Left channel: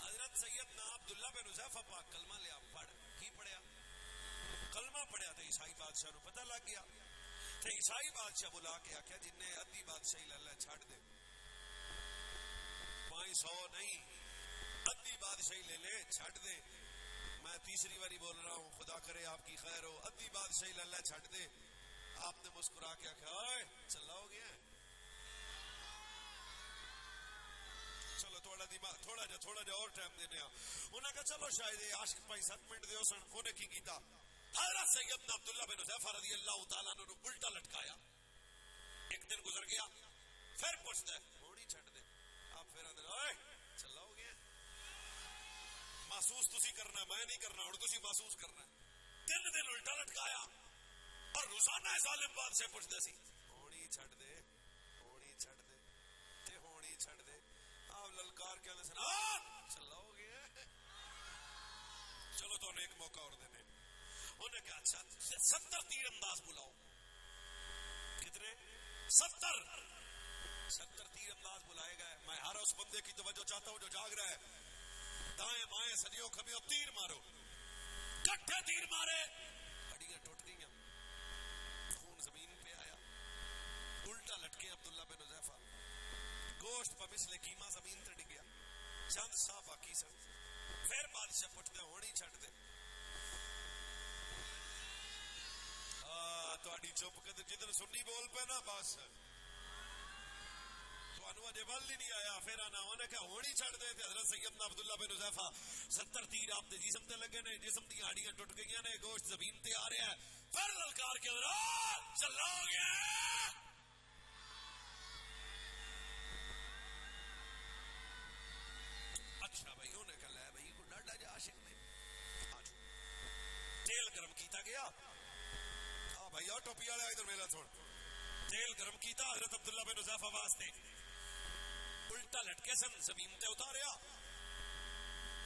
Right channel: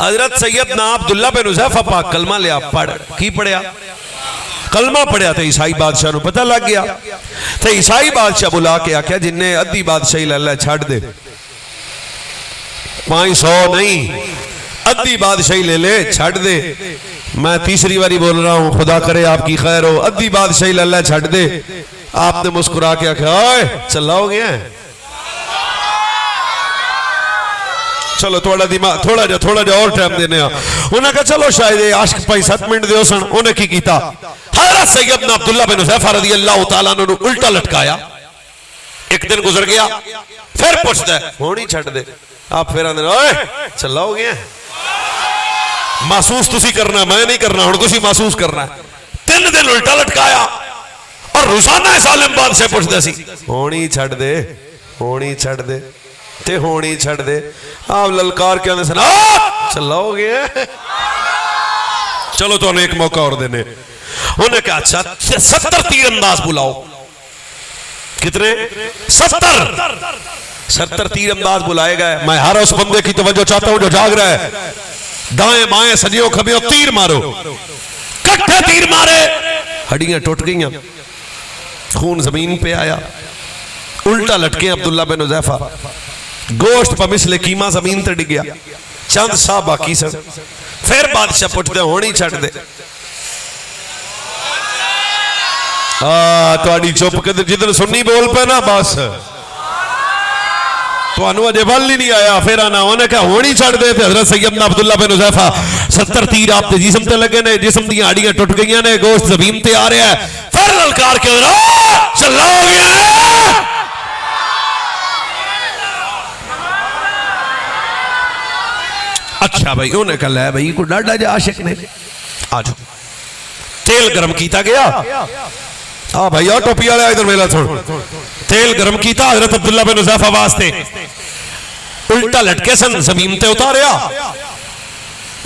हजरत सैयदना अब्दुल्ला बिन हुज़ैफा पाक कलमा लिया, पढ़ की पढ़िया, कलमा पढ़िया तो ईसाई बादशाह को पता लग गया। तो ईसाई बादशाह बुला के आख्या जिन्हें अद्धी बादशाही ले लै छड़ दे, 500 नहीं अद्धी बादशाही ले ले छड़ दे। मैं तीसरी बारी बोल रहा हूं, खुदा करे आपकी खैर हो, अद्धी बादशाही ले लै छड़ दे। आपने मुस्कुरा के आख्या ओए चिल्लाओगे, चलो थोड़ा दिमाग थोड़ा जा और टाइम देने। उन्हें कहा चलो शायद आशिक भाई 7 मिनट दो सन। उन्हें की कीता, हज़रत सैयदना अब्दुल्ला बिन हुज़ैफा रज़ी अल्लाह तआला अन्हु उल्टा लटकाया। एक दिन गुजर गया, फिर पूछता है होनी छड़ दे। आप फिर आंदे ओए चिल्लाओगे, महसूस तुसी करना, मैं नहीं करना, हुण तुसी महसूस करना। 3 दिन उल्टा लटकाया और रोजाना इस आलिम बादशाह पूछदा सी होनी छड़ दे, होनी छड़ दे ते होनी छड़ दे। आप ललकार के आंदे सन चिल्लाओगे, चलो तो एक मौका और देने। उन्हें कहा अच्छा 70 तीरंदाज बुलाओ। कितने? 70 तीरंदाज बुलाए गए। मैं हर उस बंदे की तवज्जो चाहता हूं जो जाग रहा है, दाएं बाएं सजियों खबियों तीर मारो। कट्ठे तीर मारे, हड्डियां टूट गईं, खून जमीन पे आया, उल्टा लटके अब्दुल्ला बिन हुज़ैफा, गोश्त पर मिसले कीमा जमीन ते डिग गया। चंद साह बाकी सन। फिर बादशाह पुछदे होनी छड़ दे। तुहाडी चुप कदर जिधर सुन्नी बोल पे ना बस तुहानू अजे बल ही नहीं आया। फिर आना उन्हें कहा होनी छड़ दे। हज़रत सैयदना अब्दुल्ला बिन हुज़ैफा 70 तीर आपके जिस्म ते लगे ने, जिस्म दी हड्डियां टुट गई ने, गोश्त जमीन ते आ रहा है। फिर ललकार के चलाओगे, अच्छा भाई उन्हें कहा लै भाई को डाडा जा आशिक ने, आ जाओ। तेल गर्म किया गया। हाँ भाई और टोपी वाला इधर मेरा सुन। तेल गर्म किया हज़रत अब्दुल्ला बिन हुज़ैफा वास्ते, उल्टा लटके सन, जमीन ते उतारिया।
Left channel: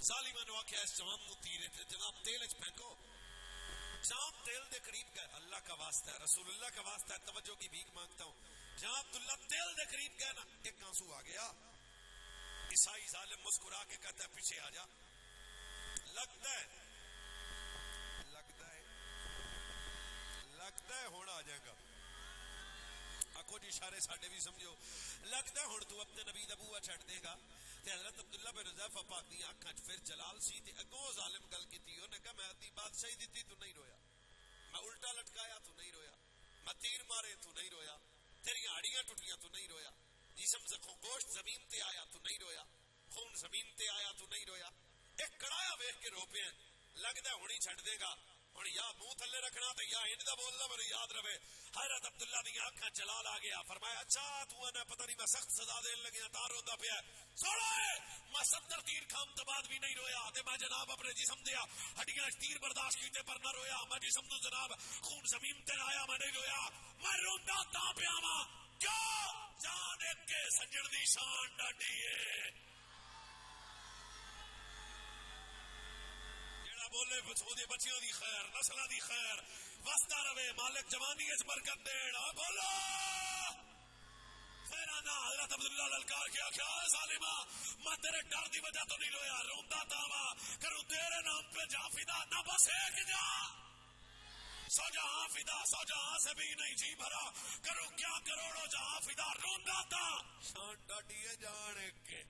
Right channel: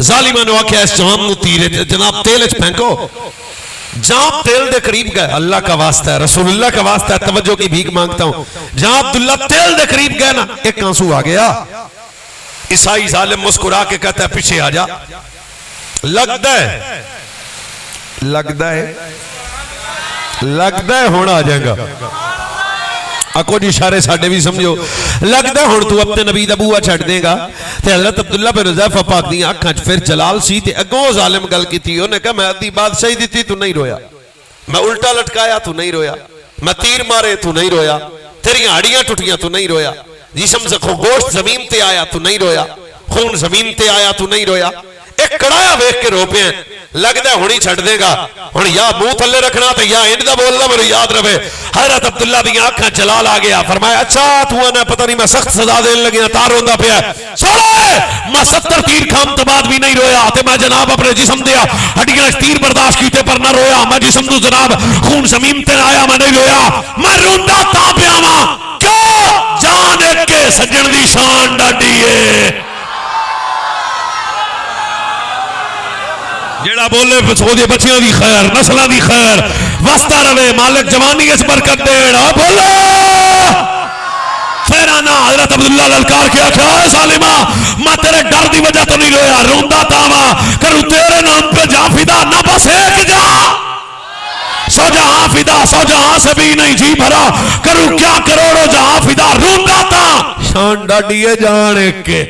जालिमा ने आख्या इस जाम नू तीर जनाब तेल च फेंको। जाम तेल दे करीब गए, अल्लाह का वास्ता है, रसूलुल्लाह का वास्ता है, तवज्जो की भीख मांगता हूं। जहां अब्दुल्ला तेल दे करीब गए ना, एक आंसू आ गया। ईसाई जालिम मुस्कुरा के कहता है पीछे आ जा। लगता है हुण आ जाएगा। आको जी इशारे साडे भी समझो। लगता है हुण तू अपने नबी दा बूआ छड्ड देगा। ते हज़रत अब्दुल्ला बिन हुज़ैफा पाक दी अखां च फिर जलाल सी ते अगों जालिम गल कीती। उन्हें कहा मैं अद्धी बादशाही दी तू नहीं रोया, मैं उल्टा लटकाया तू नहीं रोया, मैं तीर मारे तू नहीं रोया, तेरियां हड्डियां टुटियां तू नहीं रोया, जिस्म से गोश्त जमीन ते आया तू नहीं रोया, खून जमीन ते आया तू नहीं रोया। एक कड़ाया वेख के रो पे। लगता है हुणी छड़ देगा, हुण या मुंह थले रखना तो या इंज दा बोलना, मेरे याद रहे। हज़रत अब्दुल्ला दी आंखां जलाल आ गया। फरमाया अच्छा तू आना पता नहीं मैं सख्त सजा देने लगे तां रोंदा पिया। मैं 70 तीर खाम तो बाद भी नहीं रोया। ते मैं जनाब अपने जिस्म दिया हड्डियां तीर बर्दाश्त कीते पर ना रोया। मैं जिस्म तू जनाब खून जमीन ते आया, मैं नहीं रोया। मैं रोंदा तां पिया वां क्यों जान एक के सज्जन दी शान डाडी है। जेड़ा बोले सोदे बच्चियों की खैर, नस्लों की खैर वसता रवे, मालिक जवानी इस बरकत देना। बोलो फिर आना हज़रत अब्दुल्ला ललकार के आख्या सालिमा मैं तेरे डर की वजह तो नहीं रोया, रोंदा तावा करूं तेरे नाम पे जा फिदा, ना बस एक जा सौ जहां फिदा, सौ जहां से भी नहीं जी भरा, करूं क्या करोड़ों जहां फिदा, रोंदा ता शान डाडी है जान एक के।